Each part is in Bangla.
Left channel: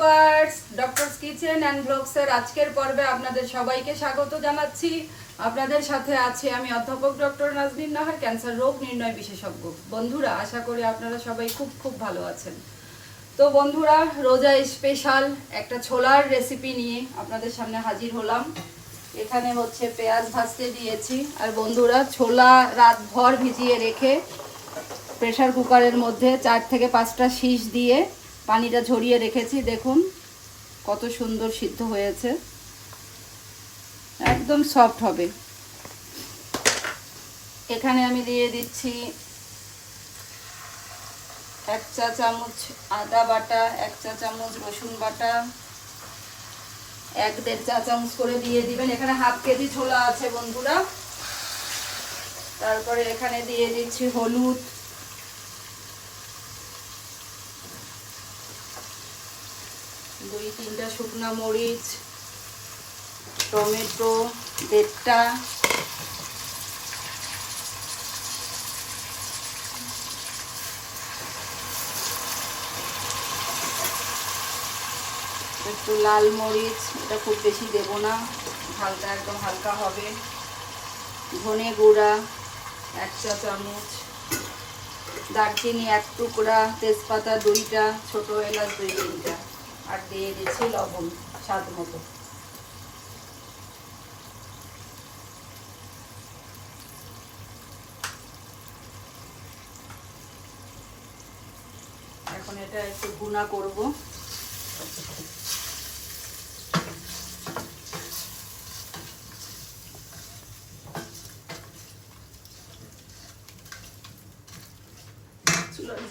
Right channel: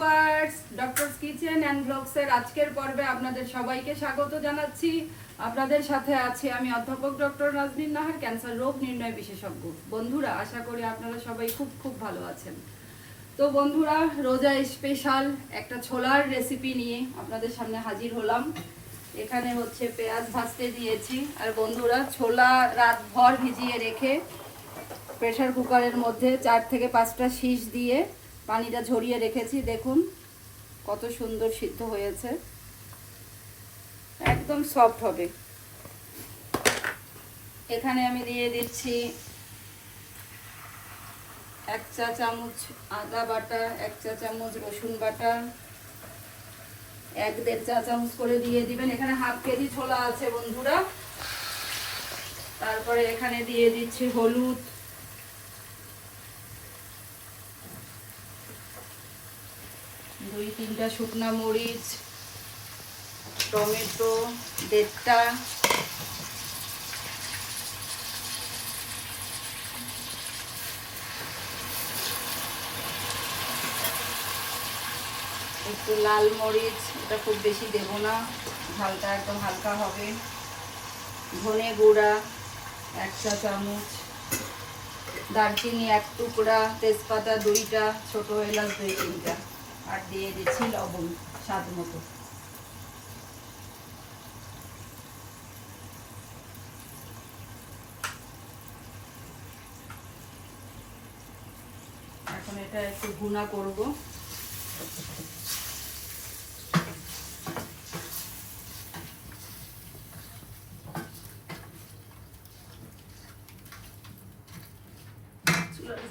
ডক্টরস কিচেন অ্যান্ড ব্লগসের আজকের পর্বে আপনাদের সবাইকে স্বাগত জানাচ্ছি। আপনাদের সাথে আছে আমি অধ্যাপক ডক্টর নাজনীন নাহার, ক্যান্সার রোগ নির্ণয় বিশেষজ্ঞ। বন্ধুরা, আশা করি আপনারা সবাই খুব খুব ভালো আছেন। তো বন্ধুরা, রোজা স্পেশাল একটা ছোলার রেসিপি নিয়ে আপনাদের সামনে হাজির হলাম। এখানে হচ্ছে পেঁয়াজ ভাজতে দিয়েছি। আর বন্ধুরা, ছোলা রাতভর ভিজিয়ে রেখে প্রেসার কুকারের মধ্যে চার থেকে পাঁচটা শীষ দিয়ে পানিটা ঝরিয়ে রেখেছি, দেখুন, কত সুন্দর সিদ্ধ হয়েছে। একদম সফট হবে। এখানে আমি দিয়ে দিচ্ছি এক চা চামচ আদা বাটা, এক চা চামচ রসুন বাটা, এক দেড় চা চামচ করে দিয়ে দিবেন। এখানে হাফ কেজি ছোলা আছে বন্ধুরা। তারপরে এখানে দিয়ে দিচ্ছি হলুদ। দুই তিনটা শুকনা মরিচ, টমেটো দেড়টা একটু লাল মরিচ, এটা খুব বেশি দেবো না হালকা একদম হালকা হবে। ধনে গুঁড়া, এক চা চামচ। দারচিনি এক টুকরা, তেজপাতা দুইটা, ছোটো এলাচ দুই তিনটা দিয়ে দিচ্ছি লবণ স্বাদ মতো। এখন এটা একটু গুণা করব।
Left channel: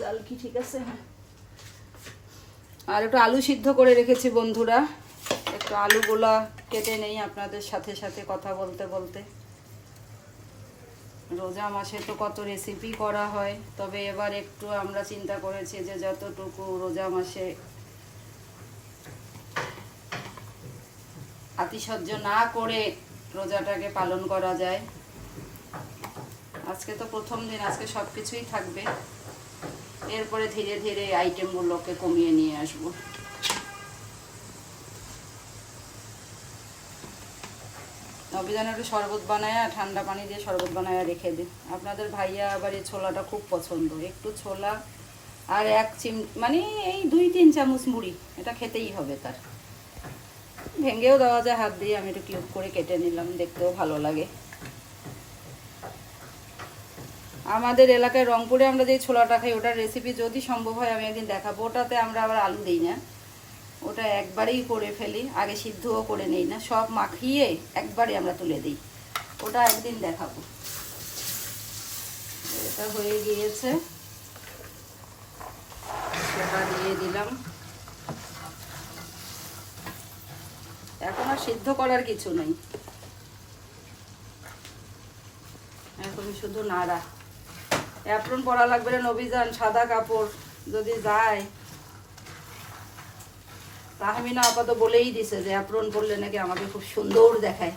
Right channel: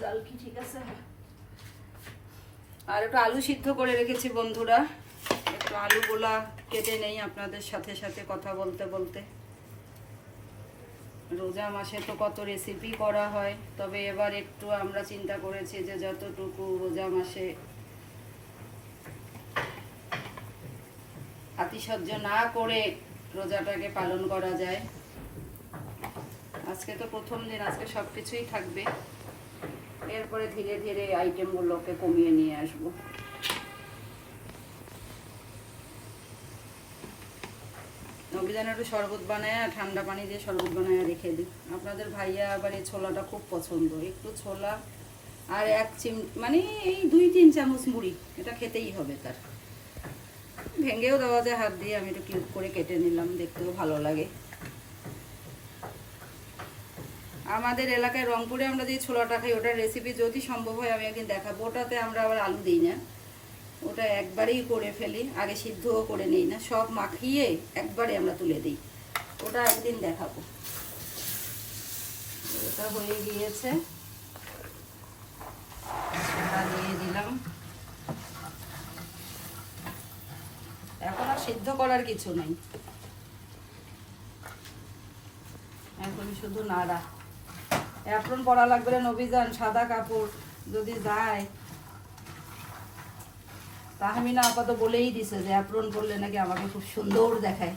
জাল কি ঠিক আছে? হ্যাঁ আর একটু আলু সিদ্ধ করে রেখেছি বন্ধুরা। একটু আলুগুলা কেটে নেই আপনাদের সাথে সাথে কথা বলতে বলতে। রোজা মাসে তো কত রেসিপি করা হয়, তবে এবার একটু আমরা চিন্তা করেছি যে যতটুকু রোজা মাসে আতিশয্য না করে রোজাটাকে পালন করা যায়। আজকে তো প্রথম দিন, আজকে সব কিছুই থাকবে। এরপরে ধীরে ধীরে আইটেমগুলোকে কমিয়ে নিয়ে আসব। নবীজন একটু শরবত বানায় ঠান্ডা পানি দিয়ে শরবত বানায় রেখে দিই। আপনাদের ভাইয়া আবার এই ছোলাটা খুব পছন্দ। একটু ছোলা আর এক চিম মানে এই দুই তিন চামচ মুড়ি, এটা খেতেই হবে তার। ভেঙেও দেওয়া যায়, হাত দিয়ে আমি একটু কিউব করে কেটে নিলাম, দেখতেও ভালো লাগে। আমাদের এলাকায় রংপুরে আমরা যে ছোলাটা খাই, ওটার রেসিপি যদি সম্ভব হয় আমি একদিন দেখাবো। ওটাতে আমরা আবার আলু দিই না। ওটা একবারেই করে ফেলি, আগে সিদ্ধও করে নেই না। সব মাখিয়ে একবারে আমরা তুলে দিই। ওটা একদিন দেখাবো। এটা হয়ে গিয়েছে। সেটা দিয়ে দিলাম। এখন আর সিদ্ধ করার কিছু নেই। এখন শুধু নাড়া। অ্যাপ্রন পরা লাগবে না নবীজান সাদা কাপড় যদি যায়। তাহমিনা আপাতত বলেই দিছে যে অ্যাপ্রন করলে নাকি আমাকে খুব সুন্দর দেখায়।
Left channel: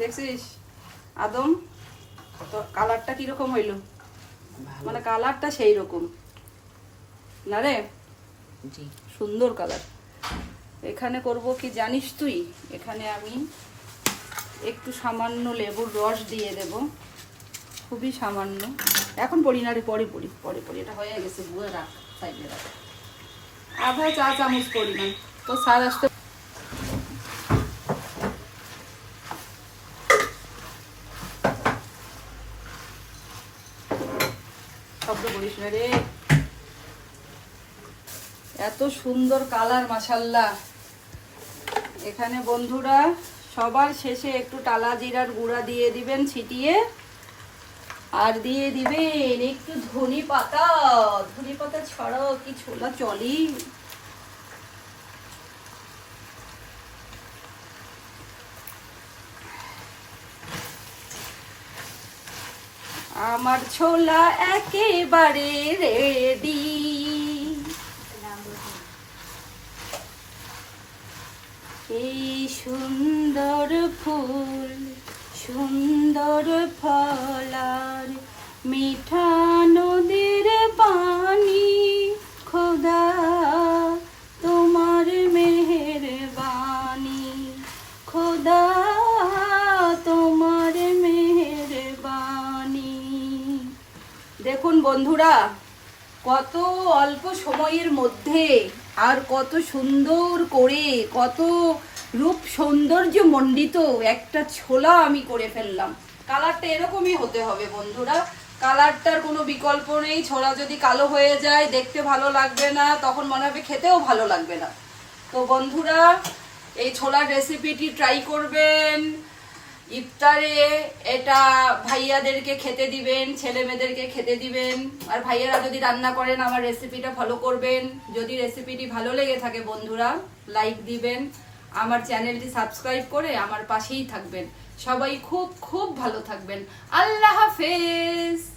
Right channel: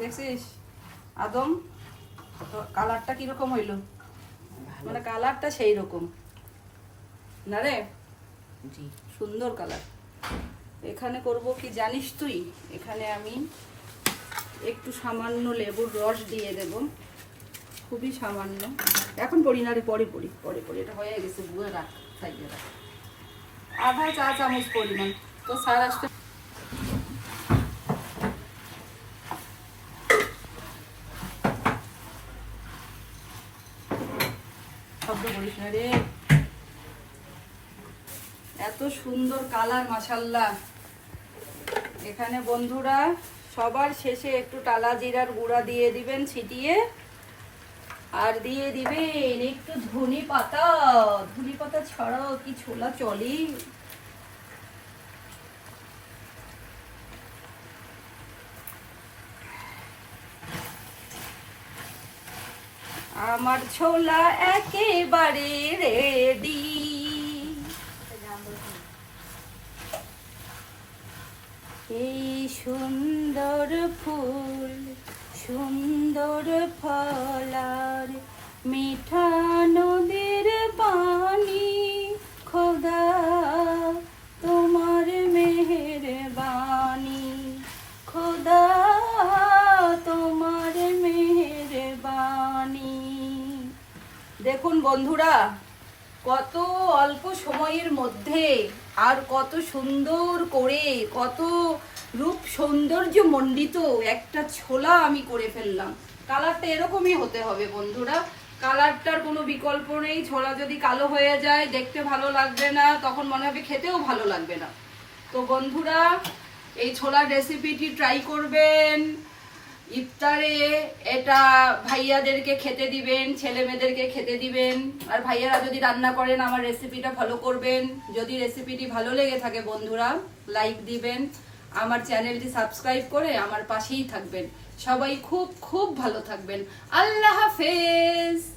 দেখছিস? আদম তো কালারটা কীরকম হইল? মানে কালারটা সেই রকম না রে? সুন্দর কালার। এখানে করব কি জানিস তুই? এখানে আমি একটু সামান্য লেবুর রস দিয়ে দেব। খুবই সামান্য। এখন পড়ি না রে, পরে পড়ি পরে পড়ি। এটা হয়ে গেছে বুয়ে রাখ, সাইডে রাখ। আধা চা চামচ পরিমাণ তো সার আসতে শব্দ করিস রে। এত সুন্দর কালার মাসাল্লাহ এখানে বন্ধুরা, সবার শেষে একটু টালা জিরার গুঁড়া দিয়ে দিবেন ছিটিয়ে। আর দিয়ে দিবেন একটু ধনি পাতা। ধনি পাতা ছাড়াও কি ছোলা চলি। আমার ছোলা একেবারে রেডি এই সুন্দর ফুল, সুন্দর ফলার মিঠা নদীর পানি। খোদা, তোমার মেহের বাণী খোদা, তোমার মেহের বাণী দেখুন বন্ধুরা, কত অল্প সময়ের মধ্যে আর কত সুন্দর করে, কত রূপ সৌন্দর্য মণ্ডিত একটা ছোলা আমি করে ফেললাম। কালারটা এরকমই হতে হবে বন্ধুরা। কালারটার কোনো বিকল্প নেই, ছোলা যদি কালো হয়ে যায়, দেখতে ভালো লাগবে না, তখন মনে হবে খেতেও ভালো লাগবে না। তো বন্ধুরা, এই ছোলার রেসিপিটি ট্রাই করবেন। ইফতারে এটা ভাইয়াদেরকে খেতে দিবেন, ছেলে মেয়েদেরকে খেতে দিবেন। আর ভাইয়ারা যদি রান্না করেন, আমার রেসিপিটা ফলো করবেন। যদি রেসিপিটি ভালো লেগে থাকে বন্ধুরা লাইক দিবেন। আমার চ্যানেলটি সাবস্ক্রাইব করে আমার পাশেই থাকবেন। সবাই খুব খুব ভালো থাকবেন। আল্লাহ হাফেজ!